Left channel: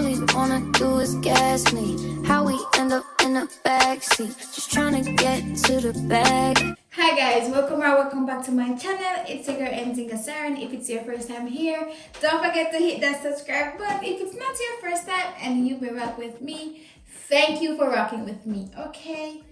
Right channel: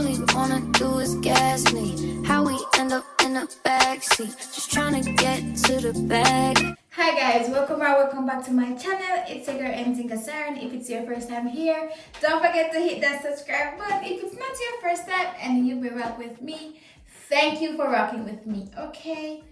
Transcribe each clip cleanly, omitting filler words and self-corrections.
all he wanna do is gas me. How we end up in the backseat, just trying to get to the bag. Hi guys, welcome back to my channel. It's your girl Saren. If it's your first time here, don't forget to hit that subscribe button. If it's not your first time and you've been rock with me, thank you for rocking with me. Okay,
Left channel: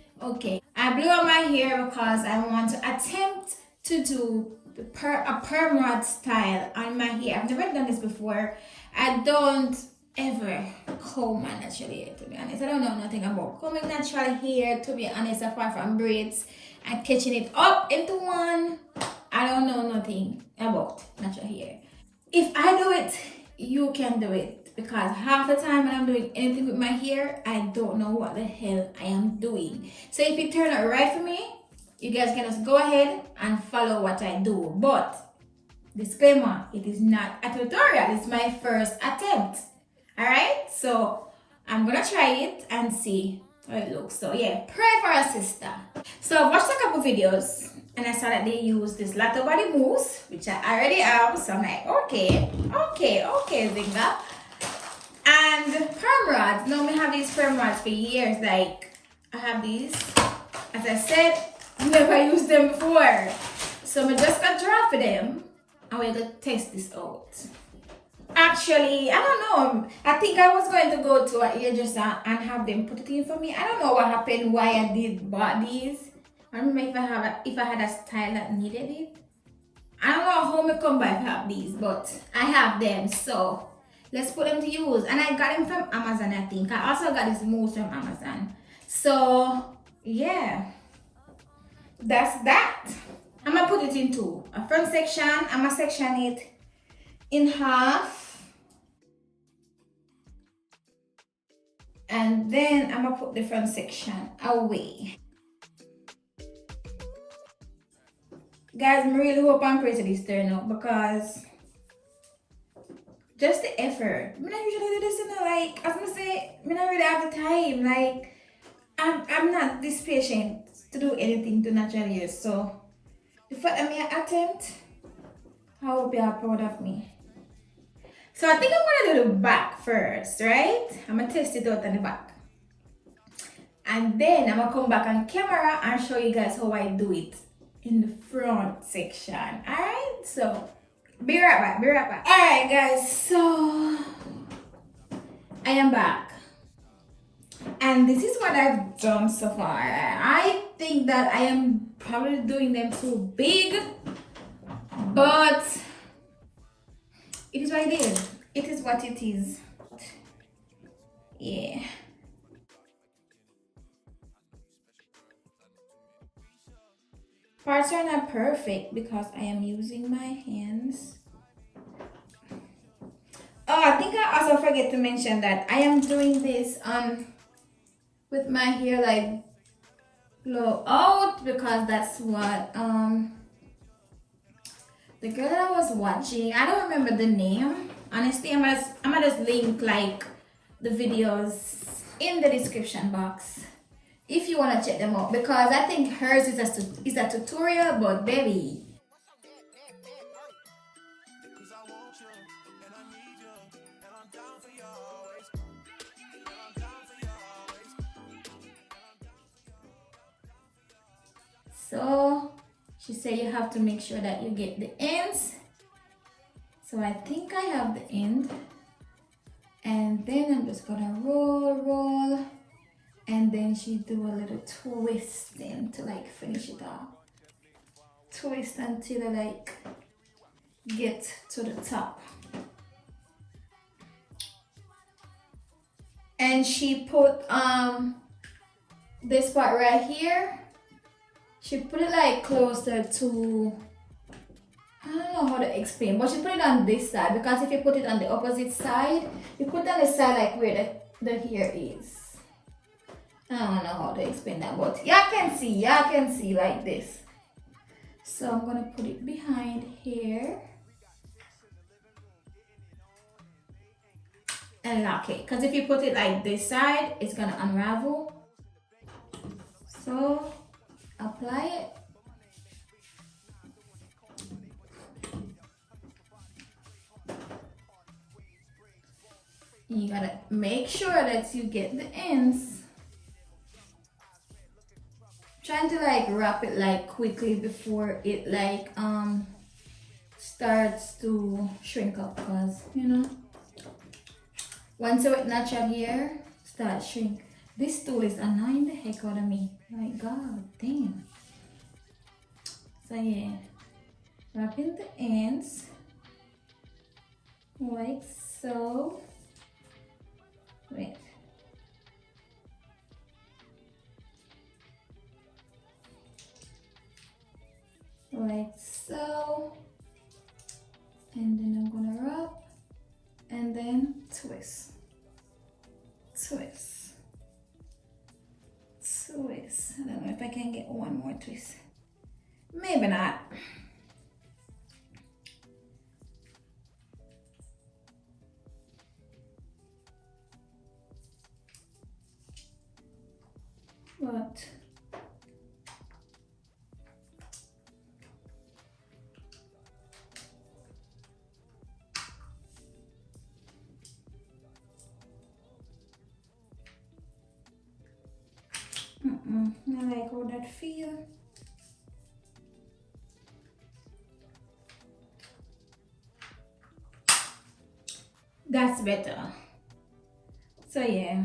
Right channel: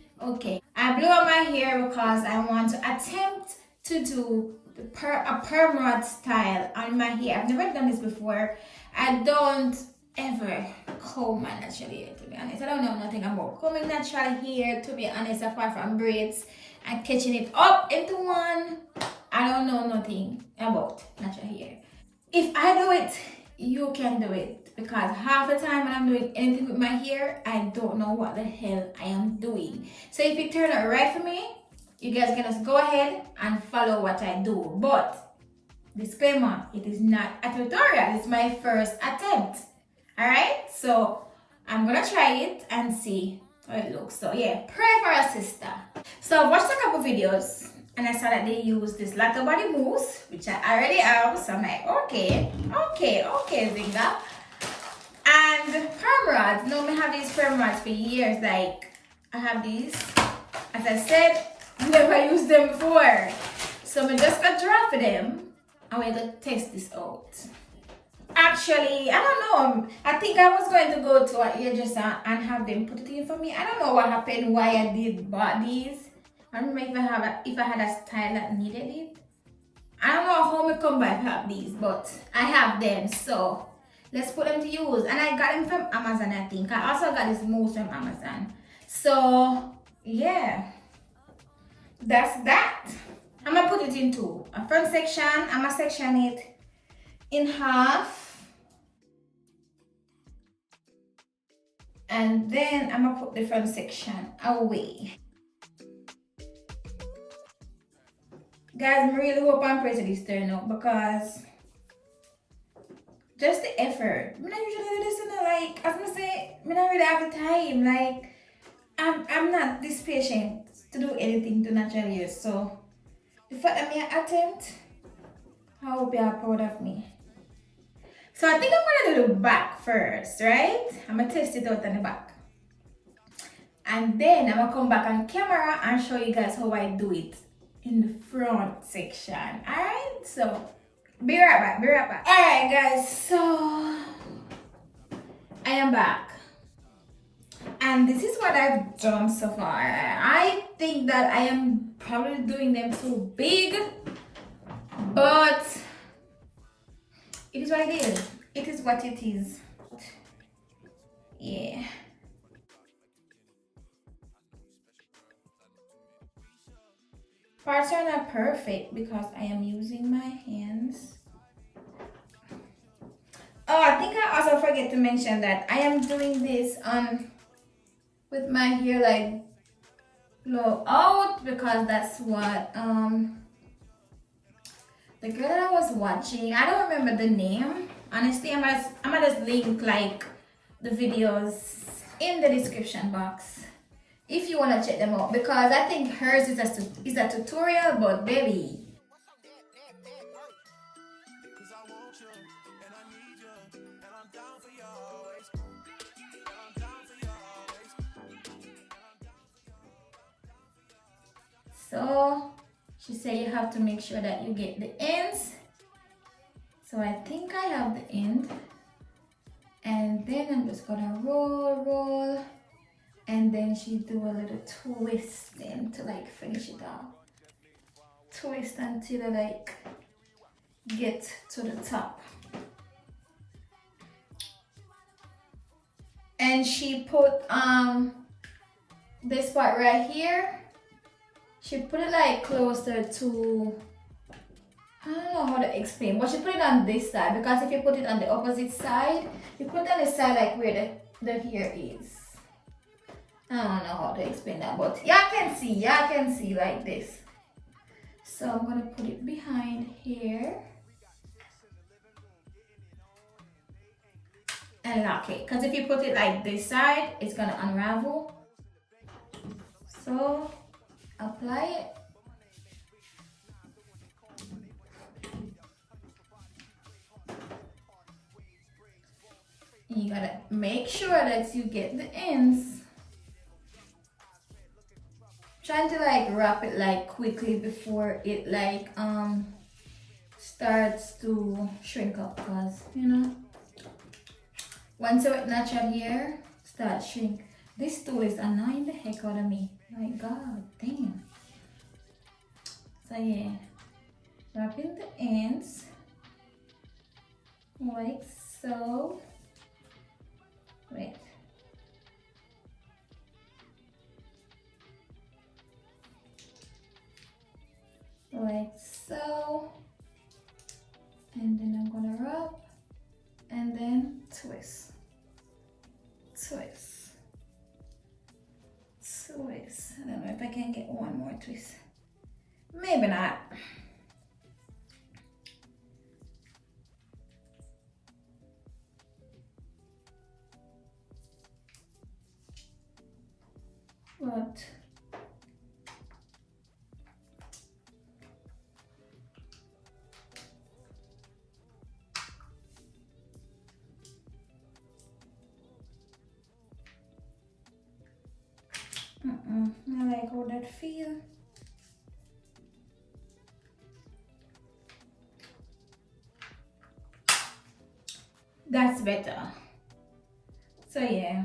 I blew out my hair because I want to attempt to do a perm rod style on my hair. I've never done this before. I don't ever comb my natural hair, to be honest. I don't know nothing about combing natural hair, to be honest, apart from braids and catching it up into one. I don't know nothing about natural hair. If I do it, you can do it, because half the time when I'm doing anything with my hair, I don't know what the hell I am doing. So if it turned out right for me, you guys can just go ahead and follow what I do. But disclaimer, it is not a tutorial, it's my first attempt. Alright, so I'm gonna try it and see how it looks. So yeah, pray for our sister. So I've watched a couple videos and I saw that they use this Lotta body mousse, which I already have. So I'm like, okay, Zinga. And perm rods. Now I have these perm rods for years. Like, I have these. As I said, never used them before. So I'm just gonna draw for them and we're gonna test this out. Actually, I don't know. I think I was going to go to a hairdresser and have them put it in for me. I don't know what happened, why I did bought these. I don't remember if I had a style that needed it. I don't know how I come by to have these, but I have them. So let's put them to use. And I got them from Amazon, I think. I also got this mousse from Amazon. So yeah, that's that. I'm gonna put it into a front section. I'm gonna section it in half. And then I'm gonna put the front section away. Guys, I really hope I'm pray to this turn out, because just the effort. I not usually do this, like, as I say, I don't really have the time. Like, I'm not this patient to do anything to natural hair. So the fact that I attempt, I hope you are proud of me. So I think I'm gonna do the back first, right? I'm gonna test it out on the back. And then I'm gonna come back on camera and show you guys how I do it in the front section. Alright, so be right back. Alright guys, so I am back. And this is what I've done so far. I think that I am probably doing them too big, but it is what it is. It is what it is. Yeah. Parts are not perfect because I am using my hands. Oh, I think I also forget to mention that I am doing this with my hair like blow out, because that's what the girl that I was watching, I don't remember the name. Honestly, I'm gonna just link like the videos in the description box if you wanna check them out, because I think hers is a tutorial, but baby. So she said you have to make sure that you get the ends. So I think I have the end. And then I'm just gonna roll. And then she do a little twisting to like finish it off. Twist until I like get to the top. And she put this part right here. She put it like closer to, I don't know how to explain, but she put it on this side, because if you put it on the opposite side, you put it on the side like where the hair is. I don't know how to explain that, but y'all can see like this. So I'm gonna put it behind here and lock it, because if you put it like this side, it's gonna unravel. So apply it. You gotta make sure that you get the ends. Trying to like wrap it like quickly before it like starts to shrink up, because you know, once you natural hair start shrink. This tool is annoying the heck out of me. My god damn. So yeah, wrapping the ends like so. Wait. Like so. And then I'm gonna wrap and then twist. Twist. Twist. I don't know if I can get one more twist. Maybe not. But I like how that feel. That's better. So yeah.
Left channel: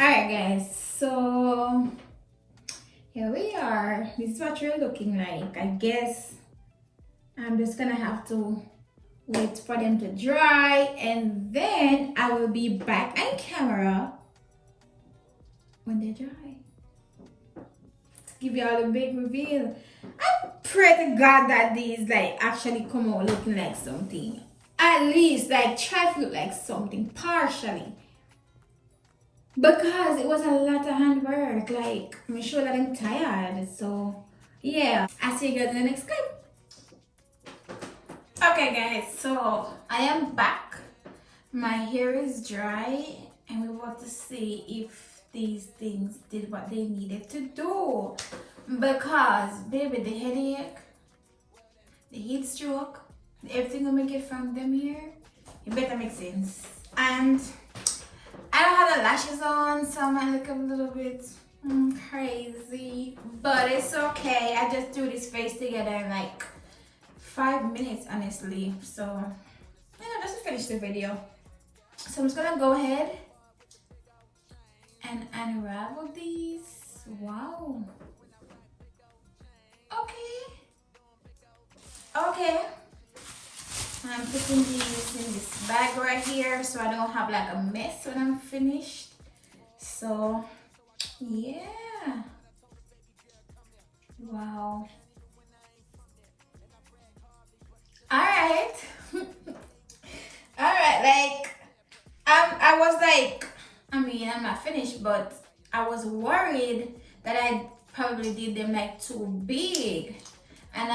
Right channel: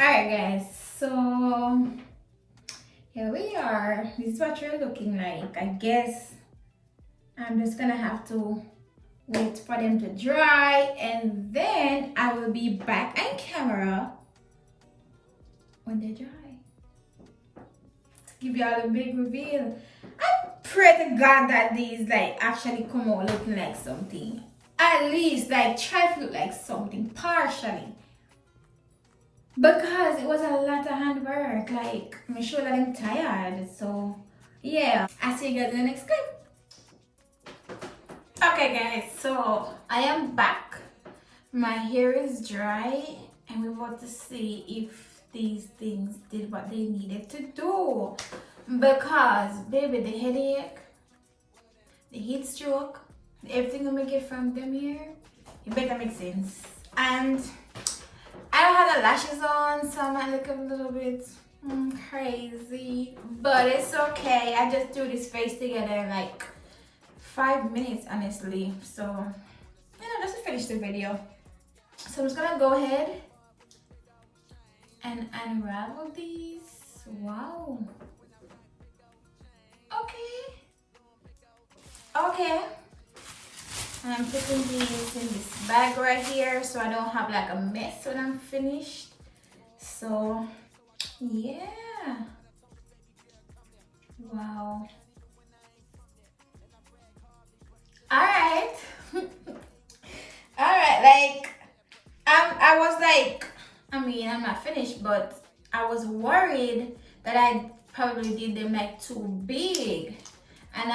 Alright guys, so here we are. This is what you're looking like. I guess I'm just gonna have to wait for them to dry, and then I will be back on camera when they dry to give you all the big reveal. I pray to God that these like actually come out looking like something. At least like try to look like something partially. Because it was a lot of handwork. Like I'm sure that I'm tired. So yeah. I'll see you guys in the next clip. Okay guys, so I am back. My hair is dry and we want to see if these things did what they needed to do. Because baby, the headache, the heat stroke, everything I get from them here, it better make sense. And I don't have the lashes on, so I might look a little bit crazy, but it's okay. I just do this face together in like 5 minutes, honestly. So, you know, just to finish the video. So I'm just gonna go ahead and unravel these. Wow. Okay. Okay. And I'm putting these in this bag right here so I don't have like a mess when I'm finished. So, yeah. Wow. Alright. Alright, like, I was like, I mean, I'm not finished, but I was worried that I probably did them like too big. And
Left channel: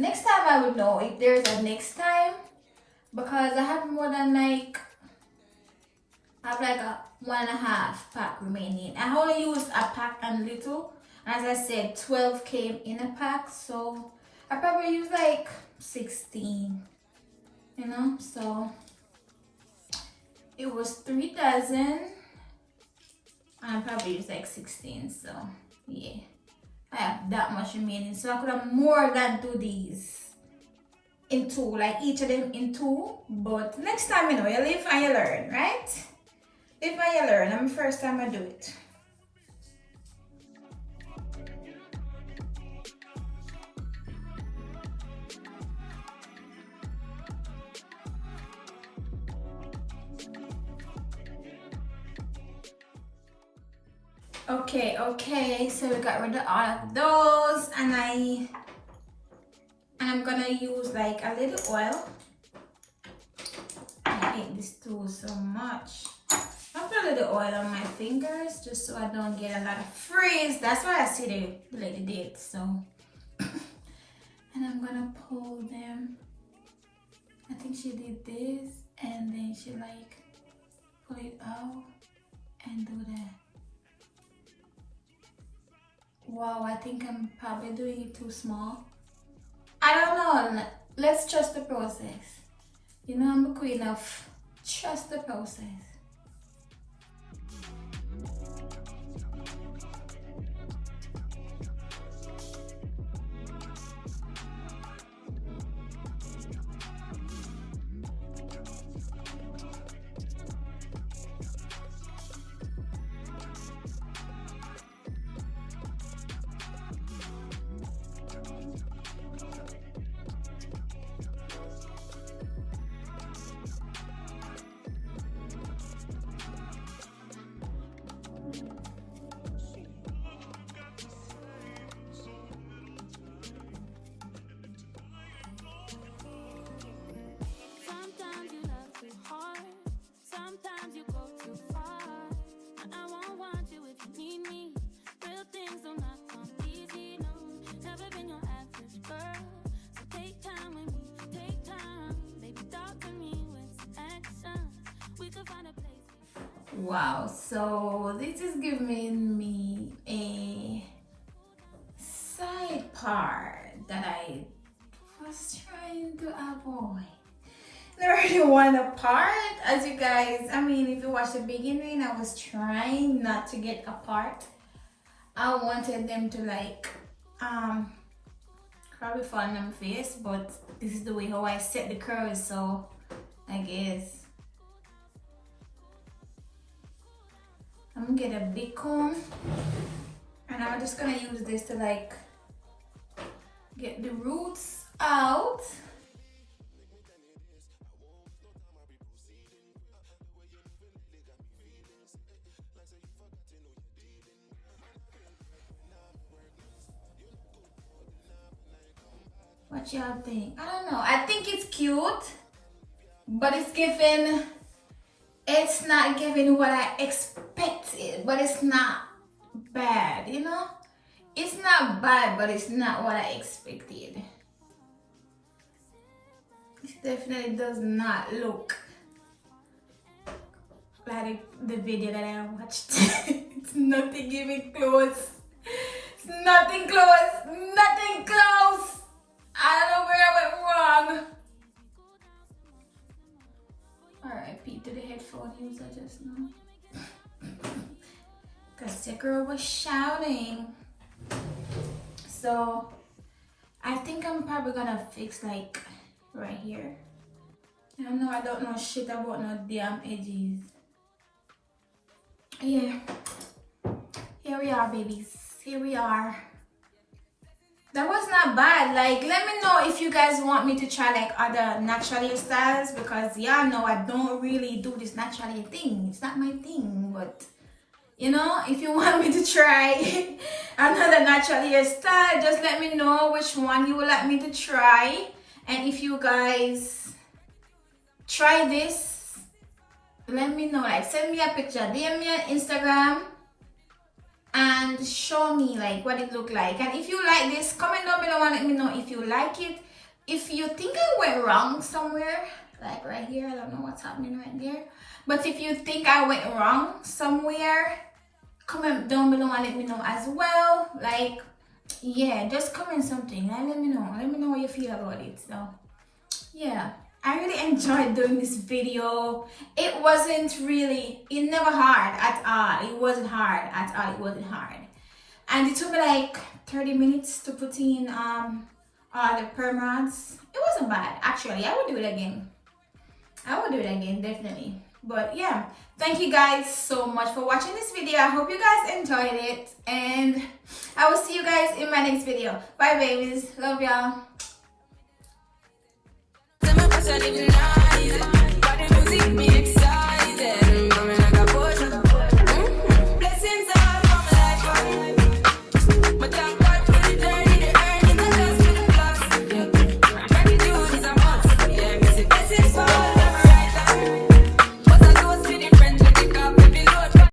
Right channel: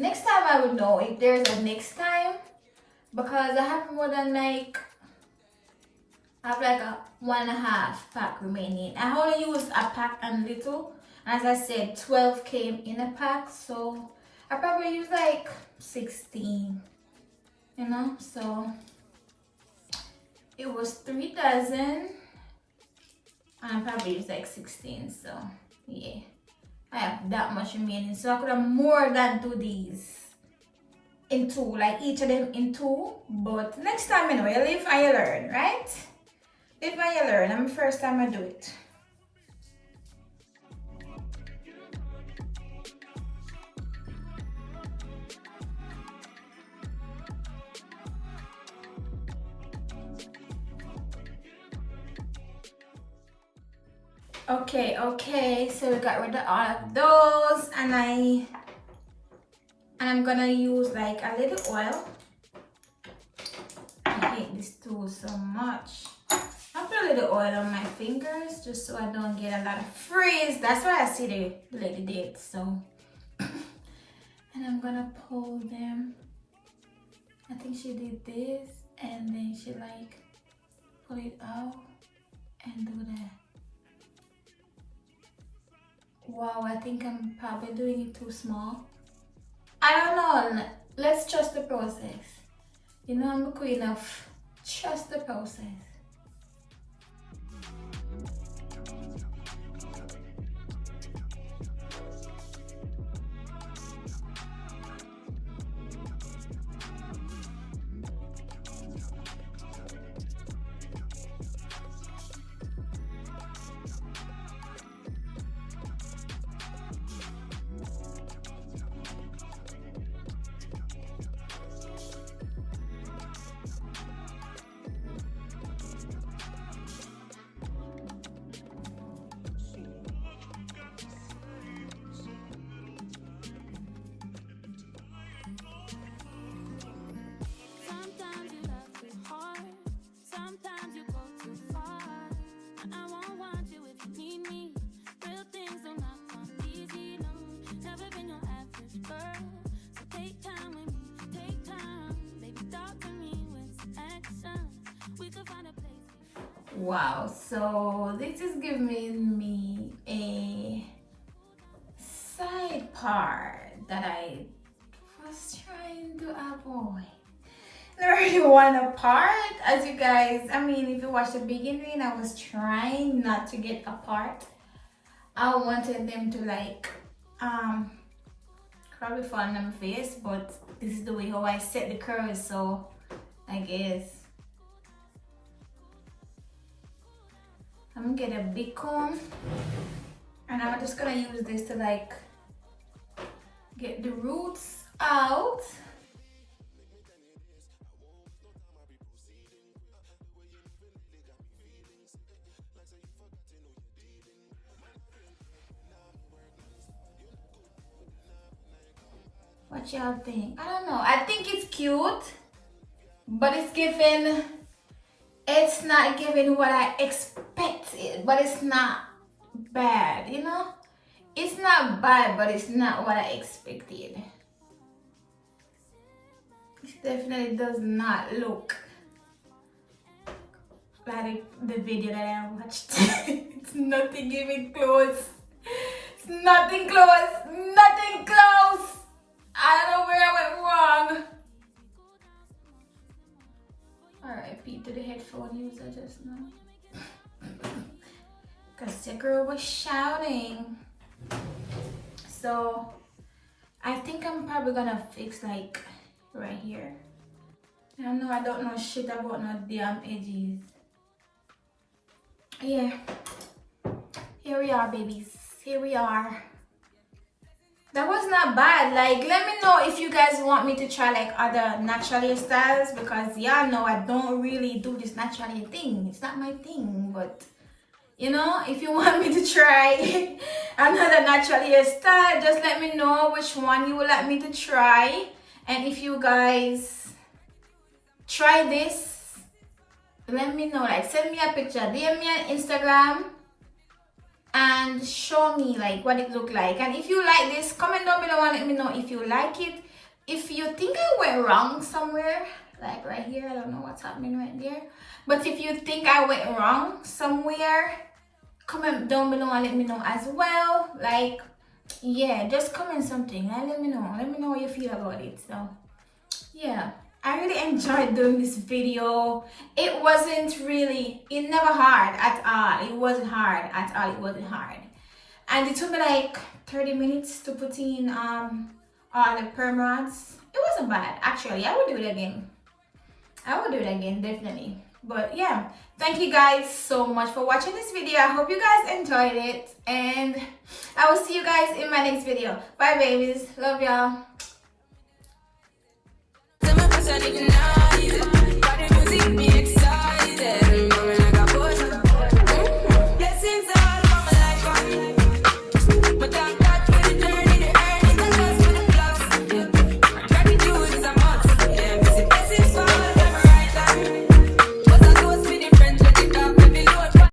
next time I would know if there's a next time, because I have more than like, I have like a 1.5 pack remaining. I only used a pack and little. As I said, 12 came in a pack, so I probably used like 16, you know, so it was 3 dozen. I probably used like 16, so yeah. I have that much remaining, so I could have more than do these in 2, like each of them in 2. But next time, you know, you live and you learn, right? Live and you learn. I'm the first time I do it. Okay, so we got rid of all of those, and I'm gonna use like a little oil. I hate this tool so much. I put a little oil on my fingers just so I don't get a lot of frizz. That's why I see the lady did. So and I'm gonna pull them. I think she did this and then she like pull it out and do that. Wow, I think I'm probably doing it too small. I don't know. Let's trust the process. You know, I'm a queen of trust the process. Wow, so this is giving me a side part that I was trying to avoid. I really want a part, as you guys, I mean, if you watch the beginning, I was trying not to get a part. I wanted them to like, probably fall on my face, but this is the way how I set the curves, so I guess. I'm gonna get a big comb and I'm just gonna use this to like get the roots out. What y'all think? I don't know. I think it's cute, but it's not giving what I expected, but it's not bad, you know? It's not bad, but it's not what I expected. It definitely does not look like the video that I watched. It's nothing even close. It's nothing close. Nothing close. I don't know where I went wrong. R.I.P. to the headphone user just now. Because the girl was shouting. So, I think I'm probably gonna fix like right here. I don't know shit about no damn edges. Yeah. Here we are, babies. Here we are. That was not bad. Like, let me know if you guys want me to try like other natural hairstyles, because y'all know I don't really do this natural hair thing. It's not my thing, but you know, if you want me to try another natural hairstyle, just let me know which one you would like me to try. And if you guys try this, let me know. Like, send me a picture, DM me on Instagram, and show me like what it looked like. And if you like this, comment down below and let me know if you like it. If you think I went wrong somewhere, like right here, I don't know what's happening right there, but if you think I went wrong somewhere, comment down below and let me know as well. Like, yeah, just comment something and let me know what you feel about it. So yeah, I really enjoyed doing this video. It never hard at all. It wasn't hard at all. It wasn't hard. And it took me like 30 minutes to put in all the perm rods. It wasn't bad, actually. I would do it again. I would do it again, definitely. But yeah, thank you guys so much for watching this video. I hope you guys enjoyed it. And I will see you guys in my next video. Bye, babies. Love y'all.